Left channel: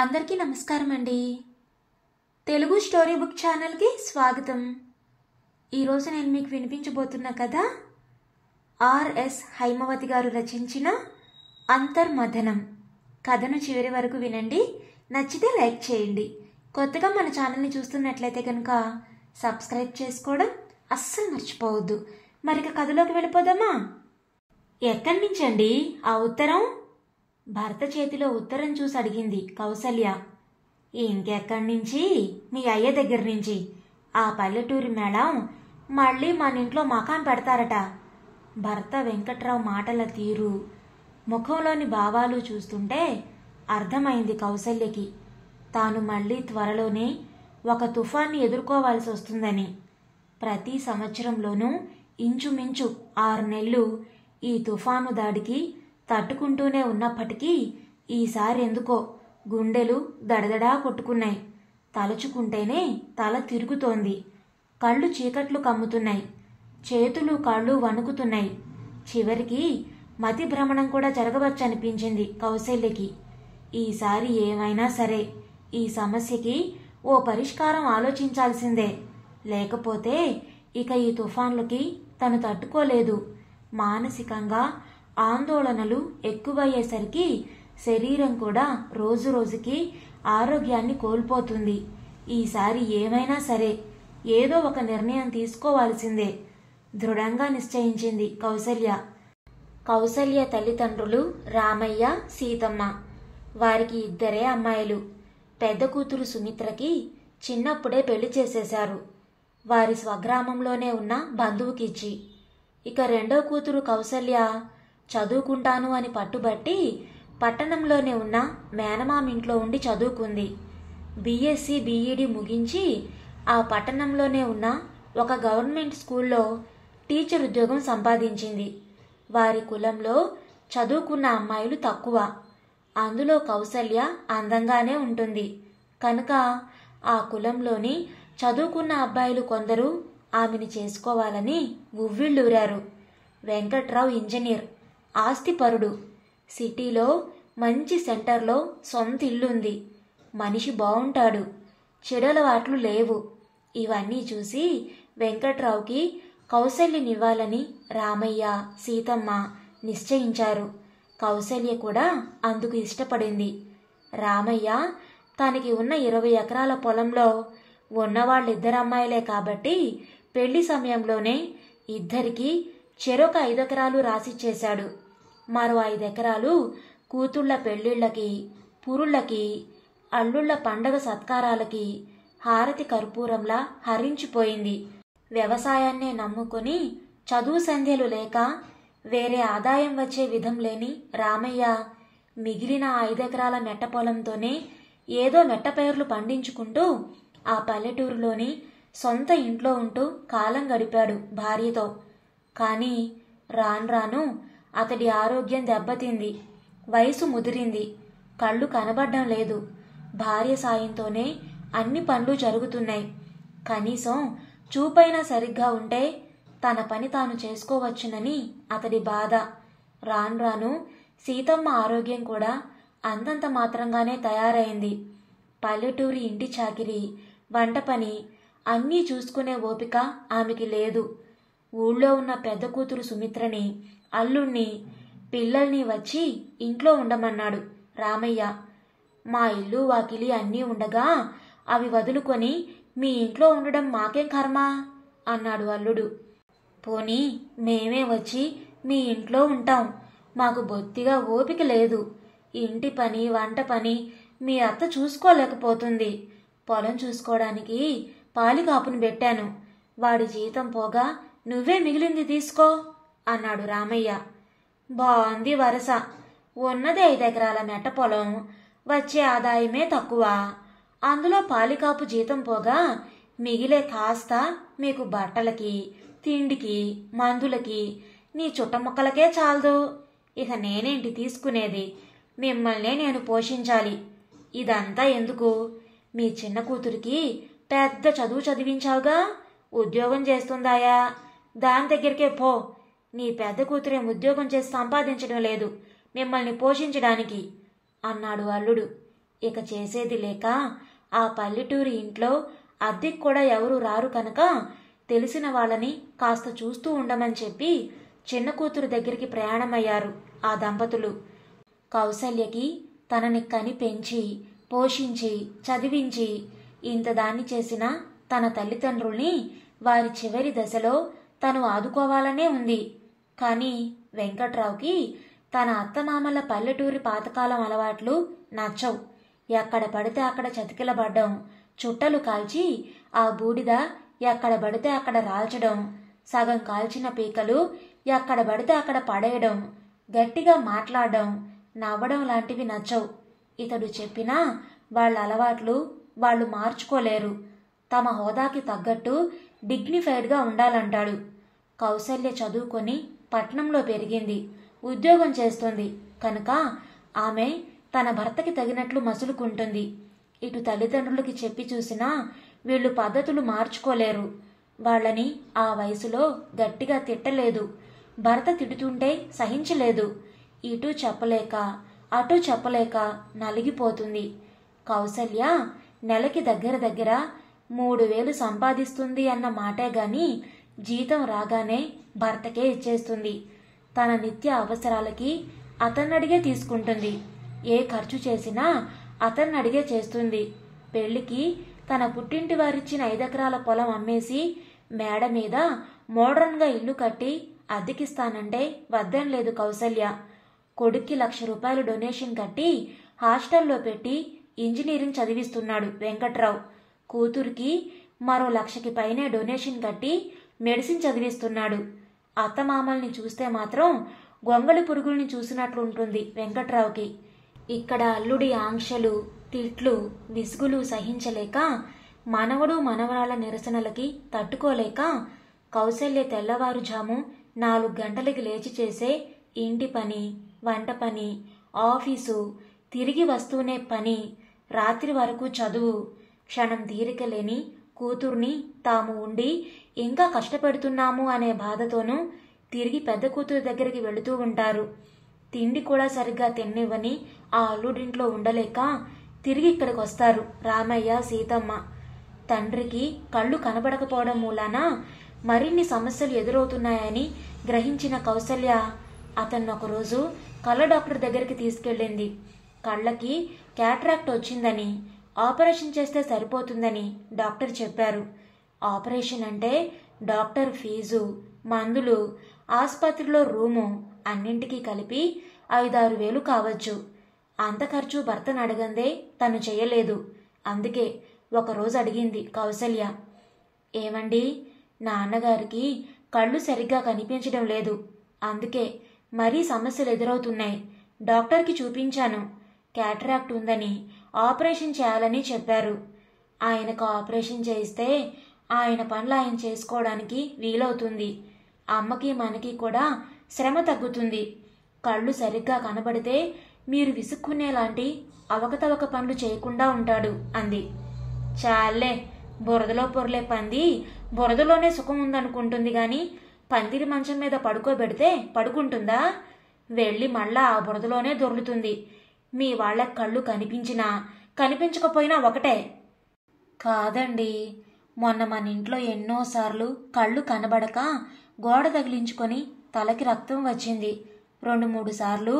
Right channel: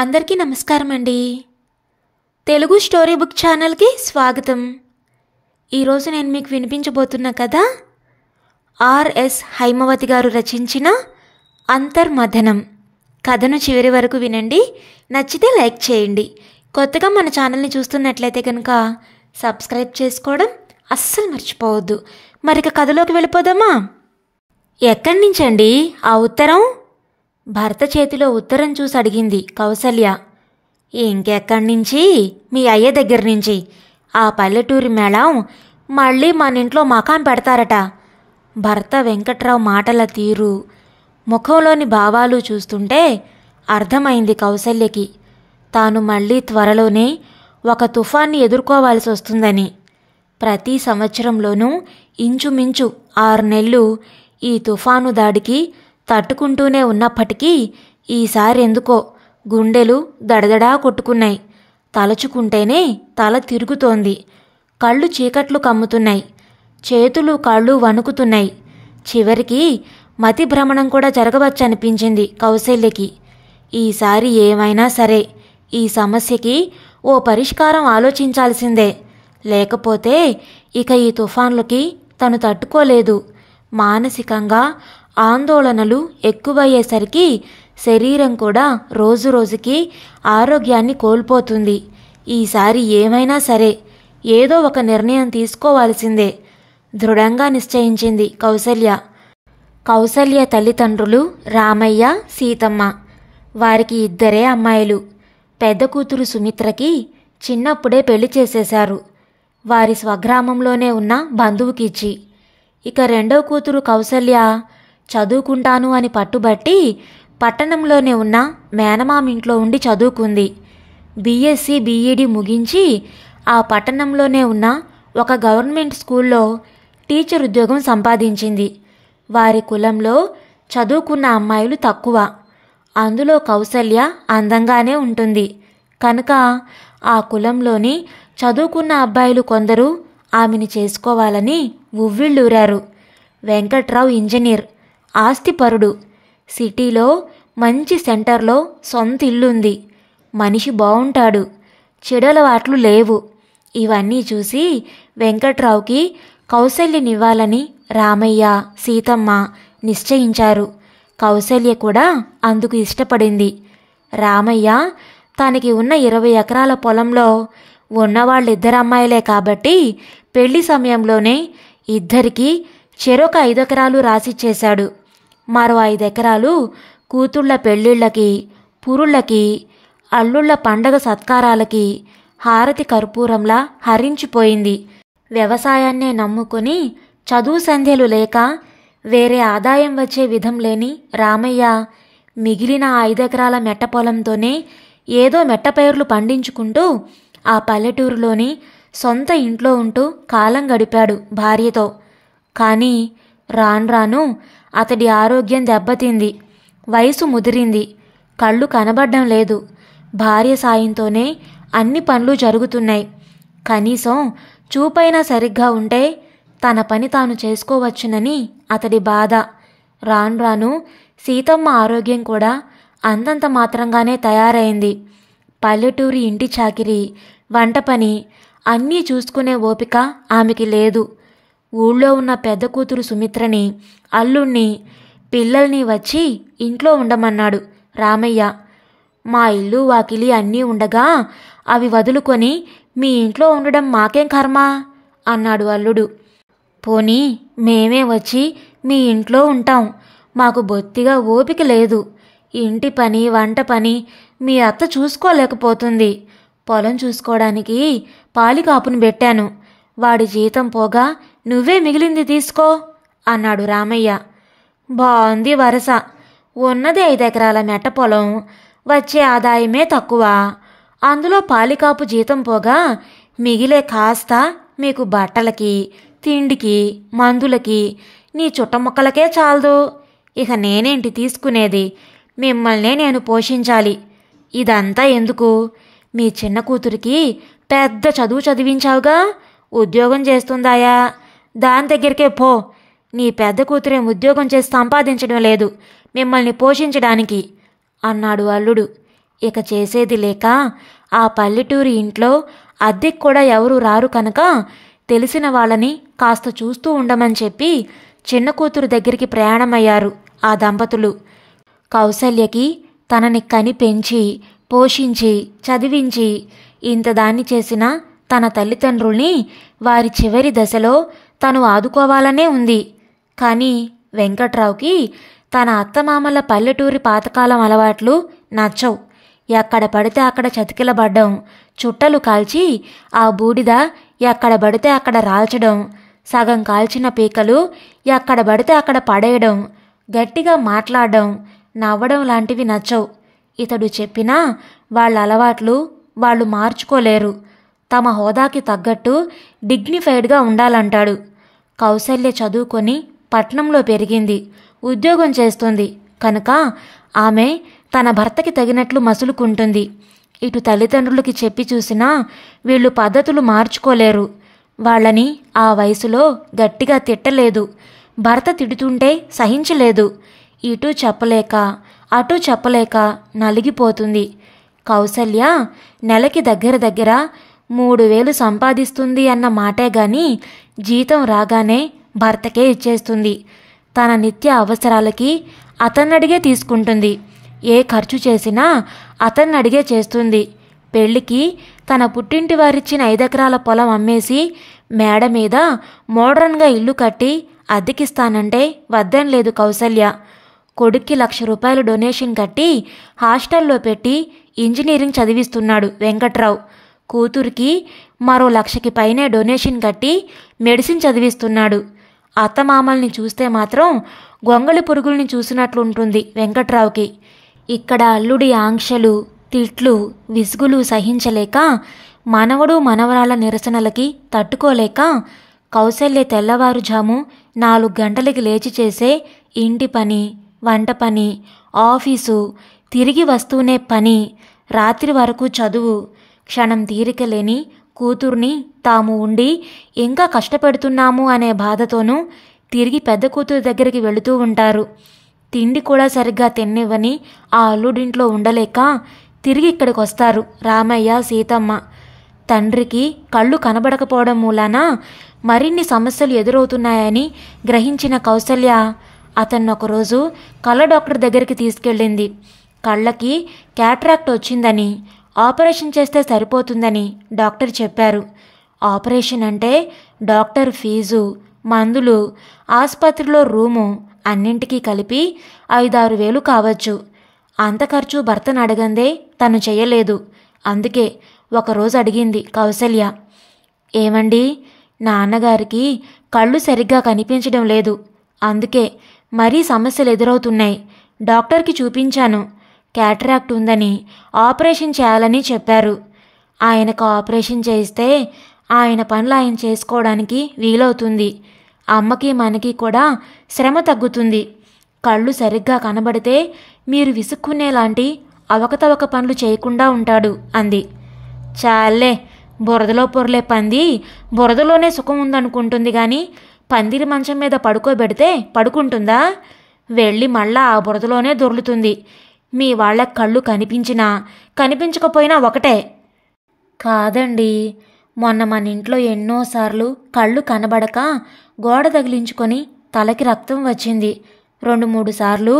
అందరికీ నమస్కారం అండి. తెలుగు స్టోరీ బుక్ ఛానల్కి స్వాగతం. ఈరోజు నేను మీకు వినిపించబోతున్న కథ ఆర్ఎస్ హైమవతి గారు రచించిన అంతర్మథనం. కథను చివరి వరకు వినండి. నచ్చితే లైక్ చేయండి. కొత్తగా మన ఛానల్ని చూస్తున్నట్లయితే కనుక సబ్స్క్రైబ్ చేసుకోవడం అస్సలు మర్చిపోవద్దు. మరిక కథలోకి వెళ్ళిపోదామా? ఎక్కడి నుంచండి ఆ ఉత్తరం? భర్త చేతిలో ఉత్తరం చూసి అడిగింది కౌసల్య. ఇంకెక్కడి నుంచి? మీ అయ్య దగ్గర నుంచి. ఆ పల్లెటూరి మేళం మళ్ళీ మన ఇంట్లో మకాం పెడతారట. భర్త వెంకట్రావు మాటల తీరు, ముఖంలోని భావాలు చూస్తుంటే అర్థమైంది కౌసల్యకి తాను మళ్ళీ త్వరలోనే ఒక తుఫాన్ని ఎదుర్కోవాల్సి వస్తుందని. ప్రతి సంవత్సరంలోనూ ఇంచుమించు 6 నెలలు ఈ తుఫాను దాడికి తట్టుకుంటూనే ఉన్నప్పటికీ ఈసారి ఎందుకో గుండెలు దడదడా కొట్టుకున్నాయి. తలచుకుంటేనే తల తిరుగుతోంది. కళ్ళు చీకట్లు కమ్ముతున్నాయి. చేతులు కాళ్ళు వణుకుతున్నాయి. చివరికి మతి భ్రమణం కూడా జరగవచ్చనిపించింది కౌసల్యకి. ఈసారి ఏమైనా సరే ఈ సమస్యకి ఓ పరిష్కారం ఆలోచించాల్సిందే. లేకపోతే ఇక ఈ తుఫాన్లకి తను తట్టుకోలేదు. మానసికంగా ఆందోళనలు ఎక్కువయ్యేసరికి శరీరం కూడా రోజురోజుకి ఆరోగ్యాన్ని కోల్పోతుంది. ఈసారి ఏమైనా సరే ఏదో ఒక నిర్ణయం తీసుకోవాల్సిందే దృఢంగా నిశ్చయించింది కౌసల్య. కౌసల్య తల్లిదండ్రులు రామయ్య, సీతమ్మ. వారికి 2 అమ్మాయిలు. పెద్ద కూతురు సుమిత్రకి చిన్నప్పుడే పెళ్లి చేసేశారు, వారి స్వగ్రామంలోనే ఉన్న బంధువుకిచ్చి. ఇక రెండో కూతురు కౌసల్య చదువుకుంటాను అని పట్టుబట్టి పట్టణంలోనే ఉన్న మేనమామింట్లో ఉండి చదువుకుంది. బీఎస్సీ బీఈడీ ముగించి ఆ పట్టణంలోనే ఉన్న ఒక గవర్నమెంట్ స్కూల్లో టీచర్ ఉద్యోగం సంపాదించింది. వారి కులంలో చదువుకున్న అమ్మాయిలు తక్కువ. అందులో కౌసల్య అందంగానే ఉంటుంది కనుక ఆ కులంలోని చదువుకున్న అబ్బాయిలు కొందరు ఆమెని చేసుకోవాలని ఉవ్విళ్ళూరారు. వెంకట్రావు ఇంజనీర్, ఆస్తిపరుడు. సిటీలో మంచి సెంటర్లో సొంత ఇల్లుంది. మనిషి బాగుంటాడు. చెడలవాట్లు లేవు. ఇవన్నీ చూసి వెంకట్రావుకి కౌసల్యనివ్వాలని రామయ్య, సీతమ్మ నిశ్చయించారు. కౌసల్య కూడా అందుకు ఇష్టపడింది. రామయ్య తనకి ఉన్న 20 ఎకరాల పొలంలో ఉన్నవాళ్ళిద్దరు అమ్మాయిలే కాబట్టి పెళ్లి సమయంలోనే ఇద్దరికీ చెరొక 5 ఎకరాలు రాసిచ్చేశాడు. మరో 5 ఎకరాలు కూతుళ్ల పెళ్ళిళ్ళకి, పురుళ్ళకి, అల్లుళ్ల పండగ సత్కారాలకి హారతి కర్పూరంలా హరించిపోయింది. వ్యవసాయాన్నే నమ్ముకొని చదువు సంధ్యలు లేక వేరే ఆదాయం వచ్చే విధం లేని రామయ్య మిగిలిన 5 ఎకరాల మెట్ట పొలంతోనే ఏదో మెట్టపైర్లు పండించుకుంటూ ఆ పల్లెటూరులోని సొంత ఇంట్లో ఉంటూ కాలం గడిపాడు భార్యతో. కానీ రాను అతడి ఆరోగ్యం దెబ్బతింది. వయసు ముదిరింది. కళ్ళు కనబడ్డం లేదు. భార్య సాయంతోనే అన్ని పనులు జరుగుతున్నాయి. కనీసం చూపైనా సరిగ్గా ఉంటే తన పని తాను చేసుకోవచ్చునని అతడి బాధ. రాను సీతమ్మ ఆరోగ్యం కూడా అంతంత మాత్రంగానే తయారైంది. పల్లెటూరి ఇంటి చాకిరి, వంట పని అన్నీ చూసుకునే ఓపిక ఆమెకి లేదు. ఊళ్ళో ఉన్న పెద్ద కూతురు సుమిత్రని, అల్లుణ్ణి, పిల్లల్ని వచ్చి ఇంట్లో ఉండమన్నాడు రామయ్య. మా ఇల్లు వాకిలి అన్నీ ఉండగా అవి వదులుకొని మీ ఇంట్లో ఉండడం మాకేం కర్మ అన్నాడు అల్లుడు. పోనీ మేమే వచ్చి మీ ఇంట్లో ఉంటాం. మాకు బొత్తిగా ఓపిక లేదు. ఇంటి పని, వంట పని మీ అత్త చూసుకోలేకపోతుంది. పొలం చూసుకోవడానికి పాలికాపుని పెట్టాను. వాడి జీతం పోగా నువ్వే మిగిలింది తీసుకో అన్నాడు రామయ్య. బాగుంది వరస. ఉన్నది 5 ఎకరాల మెట్ట పొలం, వచ్చే ఆదాయమే తక్కువ. అందులో పాలికాపు జీతం పోగా మిగిలే కాస్త మీకు బట్టలకి, తిండికి, మందులకి, నీ చుట్టముక్కలకే చాలదు. ఇక నేనేంటి తీసుకునేది? మిమ్మల్నే నేను పోషించాలి. ఇదంతా ఎందుకు? మీ చిన్న కూతురికి పెద్ద చదువు చదివించావుగా, ఉద్యోగం చేస్తుందాయా? దాని దగ్గరికే పో. నీ పెద్ద కూతురేం ఉద్యోగం చేసి సంపాదించడం లేదు మిమ్మల్ని పోషించడానికి అన్నాడు అల్లుడు. ఇక చేసేది లేక ఆ పల్లెటూరి ఇంట్లో అద్దెకు కూడా ఎవరు రారు కనుక తెలిసిన వాళ్ళని కాస్త చూస్తూ ఉండమని చెప్పి చిన్న కూతురు దగ్గరికి ప్రయాణమయ్యారు ఆ దంపతులు. కౌసల్యకి తనని కని పెంచి పోషించి చదివించి ఇంతదాన్ని చేసిన తన తల్లిదండ్రుల్ని వారి చివరి దశలో తను ఆదుకోవాలనే ఉంది. కానీ వెంకట్రావుకి తన అత్తమామల పల్లెటూరి పాతకాలం అలవాట్లు నచ్చవు. ఎక్కడ పడితే అక్కడ చతికిలబడ్డం, చుట్టలు కాల్చి ఆ బూడిద ఎక్కడ పడితే అక్కడ రాల్చడం, సగం కాల్చిన పీకలు ఎక్కడ పడితే అక్కడ పడేయడం, గట్టిగా మాట్లాడడం, నవ్వడం లాంటివి నచ్చవు. ఇతడు చెప్పినా వాళ్ళ అలవాట్లు వాళ్ళు మార్చుకోలేరు. తమ హోదాకి తగ్గట్టు డిగ్నిఫైడ్గా ఉండాలంటాడు. కౌసల్య చదువుకొని పట్నంలో పెరిగింది, ఉద్యోగం చేస్తుంది కనుక ఆమె తన భర్తకి తగినట్లు మసులుకుంటుంది. ఇటు తల్లిదండ్రులకి చెప్పి చూసినా వీళ్ళు పద్ధతులు మార్చుకోలేరు. వాళ్ళని ఆ వయసులో గట్టిగా తిట్టలేదు, భర్త తిడుతుంటే సహించలేదు. ఇటు చెప్పలేక అటు చెప్పలేక నలిగిపోతుంది. కౌసల్య నెలకి దగ్గర దగ్గర 3,000 సంపాదిస్తుంది అన్న మాటే గాని జీతం రాగానే భర్తకే ఇచ్చేస్తుంది. తన నిత్య అవసరాలకి అతన్నడిగే తీసుకుంటుంది. ఏ ఖర్చు చేసినా అతన్నడిగే చేస్తుంది. పెళ్లికి తన పుట్టింటి వారిచ్చిన 5 ఎకరాల పొలం అమ్మేసి మేడ మీద మోడ్రన్గా ఇల్లు కట్టి అద్దెకిస్తానంటే వద్దనలేదు కౌసల్య. కొడుక్కి 1,00,000 రూపాయలు డొనేషన్ కట్టి హాస్టల్లో పెట్టి ఇంజనీరింగ్ చదివిస్తున్నాడు వెంకట్రావు. కూతురికి మరో 1,00,000కి పైనే డొనేషన్ కట్టి మెడిసిన్ చదివిస్తున్నాడు. అత్తమామల్ని చూస్తే మాత్రం గొంగళి పురుగుల్ని చూసినట్లుంటుంది వెంకట్రావుకి. ఇక్కడ అల్లుడి ఆంక్షలు, తిట్లు, విసుగులు సహించలేక, మనవడు మనవరాళ్ల నిరసనలకి తట్టుకోలేక కౌసల్య తెల్లవారుజాము 4 గంటలకి లేచి చేసే ఇంటి పని, వంట పని, ఆఫీసు, తిరిగి వస్తూనే పని, రాత్రి వరకు చదువు, క్షణం తీరిక లేని కూతుర్ని తాము ఉండి ఇంకా కష్టపెడుతున్నాము అనే బాధతోనూ తిరిగి పెద్ద కూతురు దగ్గరికి వెళుతూ ఉంటారు. తిండి కూడా సరిగ్గా తిన్నివ్వని ఆ అల్లుడింట్లో ఉండలేక తిరిగి ఇక్కడికి వస్తారు రామయ్య, సీతమ్మ. తండ్రికి కళ్ళు కనబడకపోవడం మూలాన మరిన్ని సమస్యలు ఎదురవుతున్నాయని గ్రహించిన కౌసల్య అతన్ని ఒకరోజు కళ్ళ డాక్టర్ దగ్గరికి తీసుకెళ్ళింది. కళ్ళకి క్యాట్రాక్ట్ వచ్చిందని, ఆపరేషన్ చేస్తే సరిపోతుందని డాక్టర్ చెప్పారు. ఆపరేషన్ అంటే డాక్టర్ ఫీజు, మందులు, ఆసుపత్రిలో రూము అన్నింటికీ కలిపి 5-6 వేలు కావచ్చు. అంత ఖర్చు భర్తను అడగందే తను చెయ్యలేదు. అందుకే ఒకరోజు అడిగింది కౌసల్య, ఏమండి, నాన్నగారికి కళ్ళు సరిగ్గా కనిపించడం లేదు, అందుకే మరీ సమస్యలు ఎదురవుతున్నాయి. డాక్టర్కి చూపించాను, క్యాటరాక్ట్ ఉందని ఆపరేషన్ చేయాలని చెప్పారు. ఆయనకు ఆపరేషన్ చేయిస్తే ఆయన పనులు ఆయన చేసుకోవడానికి వీలవుతుంది. అమ్మకి మనకి కూడా శ్రమ తగ్గుతుంది. కళ్ళు సరిగ్గా కనబడితే మీరు విసుక్కునేలాంటి అవకతవక పనులు చేయకుండా ఉంటాడు అంది. చాలే, బురదలో పొరలే పంది బురదలోనే సుఖం ఉందనుకుంటుంది కానీ పందిరి మంచం మీద పడుకోబెడితే పడుకుంటుందా? వెళ్ళి మళ్ళా ఆ బురదలోనే దొర్లుతుంది. మీ వాళ్ళ కళ్ళు కనిపించినా కనిపించకపోయినా ఒకటే. కాదండి, మొన్న మన ఇంట్లో ఎన్నోసార్లు కళ్ళు కనబడక గోడ తగిలించుకొని తలకి రక్తం వచ్చింది. 2-3 సార్లు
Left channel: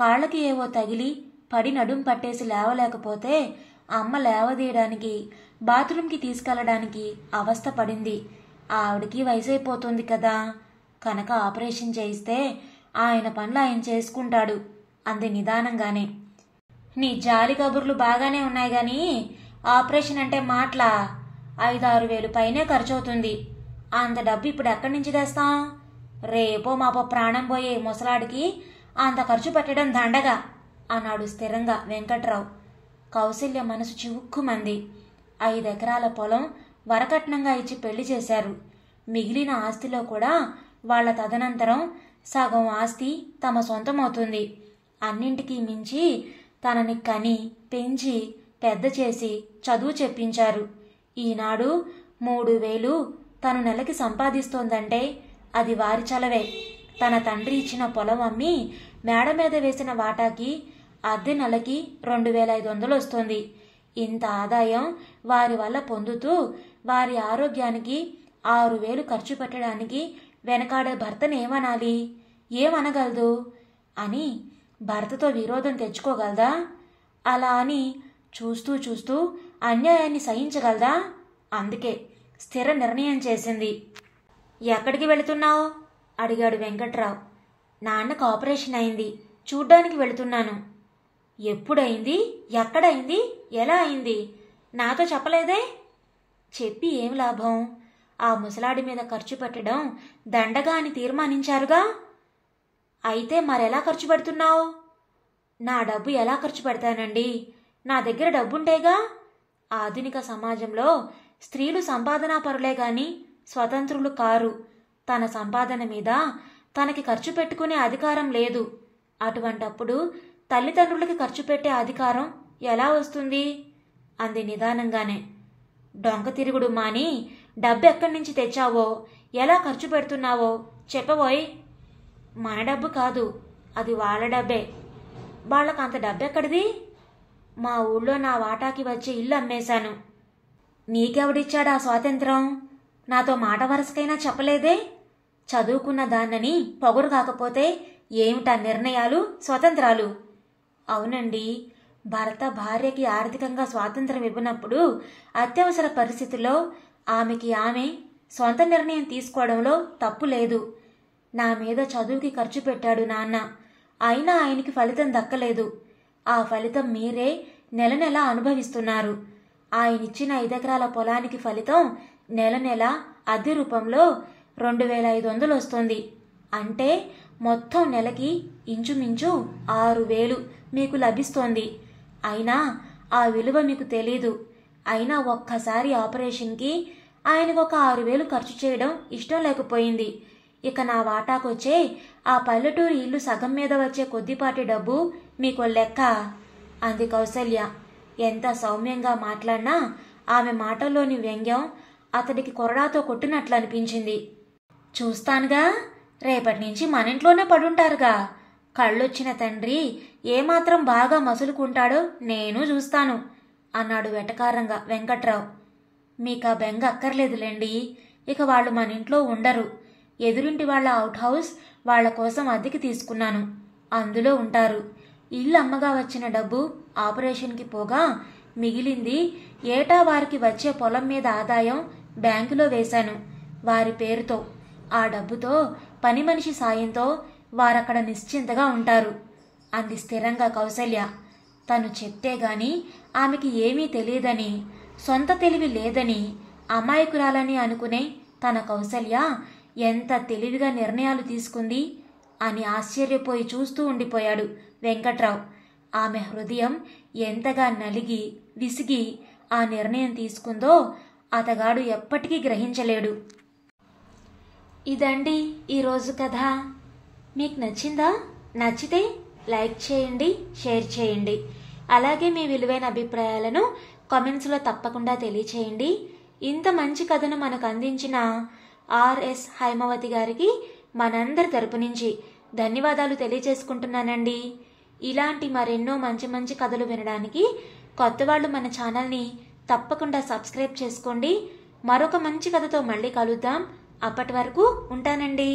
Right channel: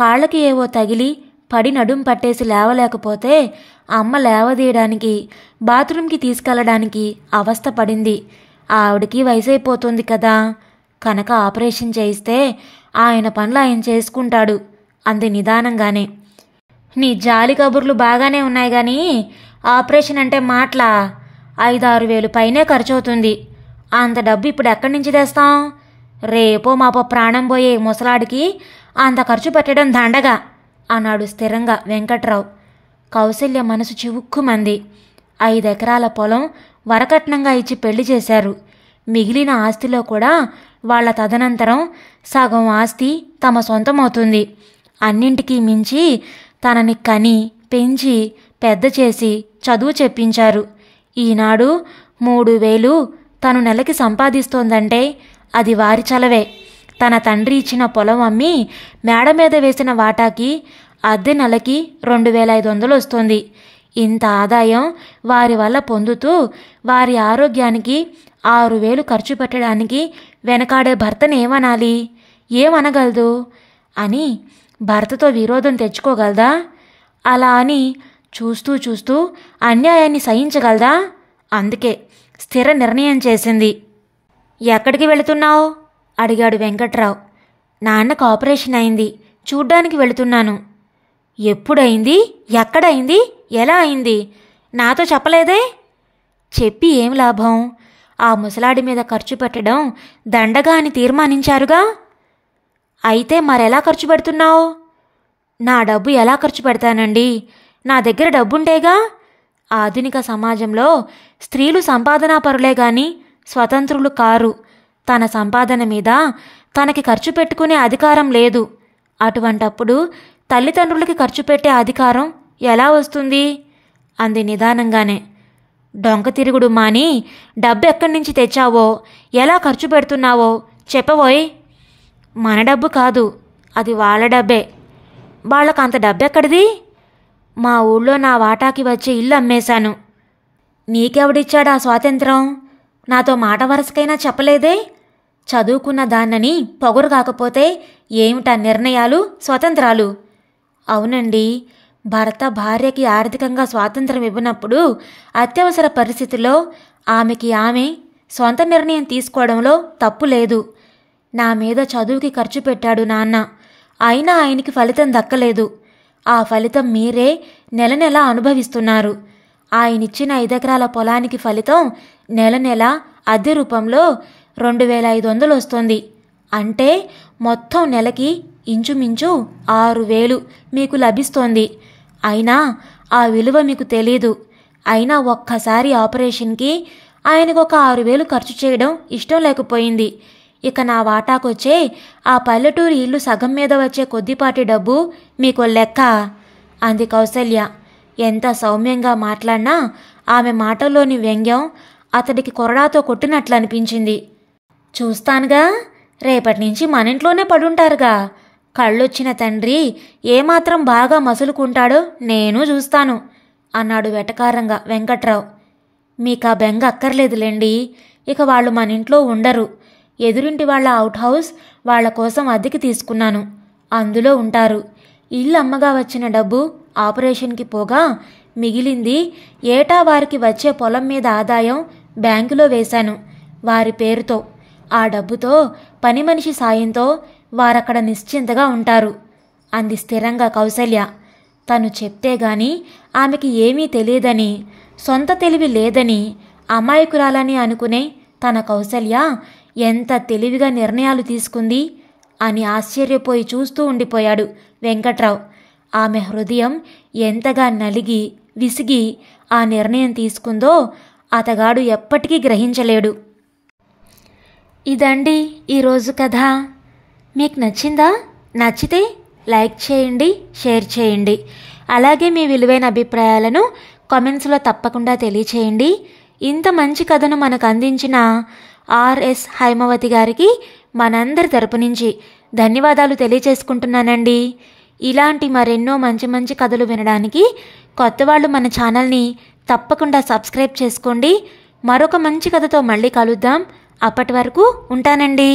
కాళ్ళకి ఏవో తగిలి పడి నడుం పట్టేసి లేవలేకపోతే అమ్మ లేవదీయడానికి, బాత్రూంకి తీసుకెళ్ళడానికి అవస్థ పడింది. ఆవిడికి వయసైపోతుంది కదా, కనుక ఆపరేషన్ చేయిస్తే ఆయన పనులు ఆయన చేసుకుంటాడు అంది నిదానంగానే. నీ జాలి కబుర్లు బాగానే ఉన్నాయి కానీ ఆపరేషన్ అంటే మాటలా? 5-6 వేలు పైనే ఖర్చు అవుతుంది. అంత డబ్బు ఇప్పుడు ఎక్కడి నుంచి తెస్తాం? రేపో మాపో ప్రాణం పోయే ముసలాడికి అంత ఖర్చు పెట్టడం దండగా అన్నాడు స్థిరంగా వెంకట్రావు. కౌసల్య మనసు చివుక్కుమంది. 5 ఎకరాల పొలం వరకట్నంగా ఇచ్చి పెళ్లి చేశారు. మిగిలిన ఆస్తిలో కూడా వాళ్ల తదనంతరం సగం ఆస్తి తమ సొంతమవుతుంది. అన్నింటికీ మించి తనని కని పెంచి పెద్ద చేసి చదువు చెప్పించారు. ఈనాడు 3,000 తను నెలకి సంపాదిస్తోందంటే అది వారి చలవే. తన తండ్రి ఇచ్చిన పొలం అమ్మి మేడ మీద వేసిన వాటాకి అద్దె నెలకి 2500 వస్తుంది. ఇంత ఆదాయం వారి వల్ల పొందుతూ వారి ఆరోగ్యానికి 6000 ఖర్చు పెట్టడానికి వెనకాడే భర్తను ఏమనాలి? ఏమనగలదు అని భర్తతో విరోధం తెచ్చుకోగలదా? అలా అని చూస్తూ చూస్తూ అన్యాయాన్ని సహించగలదా? అందుకే స్థిర నిర్ణయం చేసింది. ఎక్కడికి వెళుతున్నావు అడిగాడు వెంకట్రావు. నాన్నకు ఆపరేషన్ అయింది, చూడ్డానికి వెళుతున్నాను. ఎప్పుడైంది? ఎక్కడైంది? ఎలా అయింది? నాతో చెప్పలేదే? చెప్పి ఏం లాభం? ఆ ముసలాడి మీద ఖర్చు పెట్టడం దండగా అని తీర్మానించారుగా. అయితే మరెలా ఖర్చు పెడుతున్నావు? నా డబ్బు ఎలా ఖర్చు పెడతానండి? నా దగ్గర డబ్బుంటేగా. ఆధునిక సమాజంలో స్త్రీలు సంపాదనాపరులే గాని స్వతంత్రులు కారు. తన సంపాదన మీద తనకి ఖర్చు పెట్టుకునే అధికారం లేదు. అటువంటప్పుడు తల్లిదండ్రులకి ఖర్చు పెట్టే అధికారం ఎలా వస్తుంది? అంది నిదానంగానే. డొంక తిరుగుడు మాని డబ్బు ఎక్కడి నుంచి తెచ్చావో, ఎలా ఖర్చు పెడుతున్నావో చెప్పబోయ్. మన డబ్బు కాదు, అది వాళ్ళ డబ్బే. వాళ్ళకంత డబ్బెక్కడిది? మా ఊళ్ళో నా వాటాకి వచ్చే ఇల్లు అమ్మేశాను. నీకెవడిచ్చాడా స్వాతంత్రం? నాతో మాట వరసకైనా చెప్పలేదే? చదువుకున్న దాన్నని పొగరు కాకపోతే ఏమిటా నిర్ణయాలు, స్వతంత్రాలు? అవునండి, భర్త భార్యకి ఆర్థికంగా స్వాతంత్రం ఇవ్వనప్పుడు అత్యవసర పరిస్థితుల్లో ఆమెకి ఆమె సొంత నిర్ణయం తీసుకోవడంలో తప్పు లేదు. నా మీద చదువుకి ఖర్చు పెట్టాడు నాన్న, అయినా ఆయనకి ఫలితం దక్కలేదు. ఆ ఫలితం మీరే నెల నెల అనుభవిస్తున్నారు. ఆయనిచ్చిన 5 ఎకరాల పొలానికి ఫలితం నెల నెల అద్దె రూపంలో 2500 వస్తుంది. అంటే మొత్తం నెలకి ఇంచుమించు 6000 మీకు లభిస్తోంది. అయినా ఆ విలువ మీకు తెలీదు. అయినా ఒక్కసారి ఆపరేషన్కి ఆయనకు ఒక 6000 ఖర్చు చేయడం ఇష్టం లేకపోయింది. ఇక నా వాటాకొచ్చే ఆ పల్లెటూరి ఇల్లు సగం మీద వచ్చే కొద్దిపాటి డబ్బు మీకు లెక్క అంది కౌసల్య. ఎంత సౌమ్యంగా మాట్లాడినా ఆమె మాటల్లోని వ్యంగ్యం అతడికి కొరడాతో కొట్టినట్లు అనిపించింది. చూస్తానుగా, రేపటి నుంచి మన ఇంట్లోనే పడుంటారుగా. కళ్ళొచ్చిన తండ్రి ఏమాత్రం బాగా మసులుకుంటాడో నేను చూస్తాను అన్నాడు వెటకారంగా వెంకట్రావు. మీకా బెంగ అక్కర్లేదులేండి. ఇక వాళ్ళు మన ఇంట్లో ఉండరు. ఎదురింటి వాళ్ళ అవుట్ హౌస్ వాళ్ల కోసం అద్దెకి తీసుకున్నాను, అందులో ఉంటారు. ఇల్లు అమ్మగా వచ్చిన డబ్బు ఆపరేషన్కి పోగా మిగిలింది ఏటా వారికి వచ్చే పొలం మీద ఆదాయం బ్యాంకులో వేశాను వారి పేరుతో. ఆ డబ్బుతో పని మనిషి సాయంతో వారక్కడ నిశ్చింతగా ఉంటారు అంది స్థిరంగా కౌసల్య. తను చెప్తే గాని ఆమెకి ఏమీ తెలియదని, సొంత తెలివి లేదని, అమాయకురాలని అనుకునే తన కౌసల్య ఎంత తెలివిగా నిర్ణయాలు తీసుకుంది అని ఆశ్చర్యపోయి చూస్తూ ఉండిపోయాడు వెంకట్రావు. ఆమె హృదయం ఎంతగా నలిగి విసిగి ఆ నిర్ణయం తీసుకుందో అతగాడు ఎప్పటికీ గ్రహించలేడు. ఇదండి ఈరోజు కథ. మీకు నచ్చిందా? నచ్చితే లైక్ చేయండి, షేర్ చేయండి. అలాగే మీ విలువైన అభిప్రాయాలను కామెంట్స్లో తప్పకుండా తెలియచేయండి. ఇంత మంచి కథను మనకు అందించిన ఆర్ఎస్ హైమవతి గారికి మనందరి తరపు నుంచి ధన్యవాదాలు తెలియచేసుకుంటున్నానండి. ఇలాంటి మరెన్నో మంచి మంచి కథలు వినడానికి కొత్త వాళ్ళు మన ఛానల్ని తప్పకుండా సబ్స్క్రైబ్ చేసుకోండి. మరొక మంచి కథతో మళ్ళీ కలుద్దాం. అప్పటి వరకు ఉంటానండి.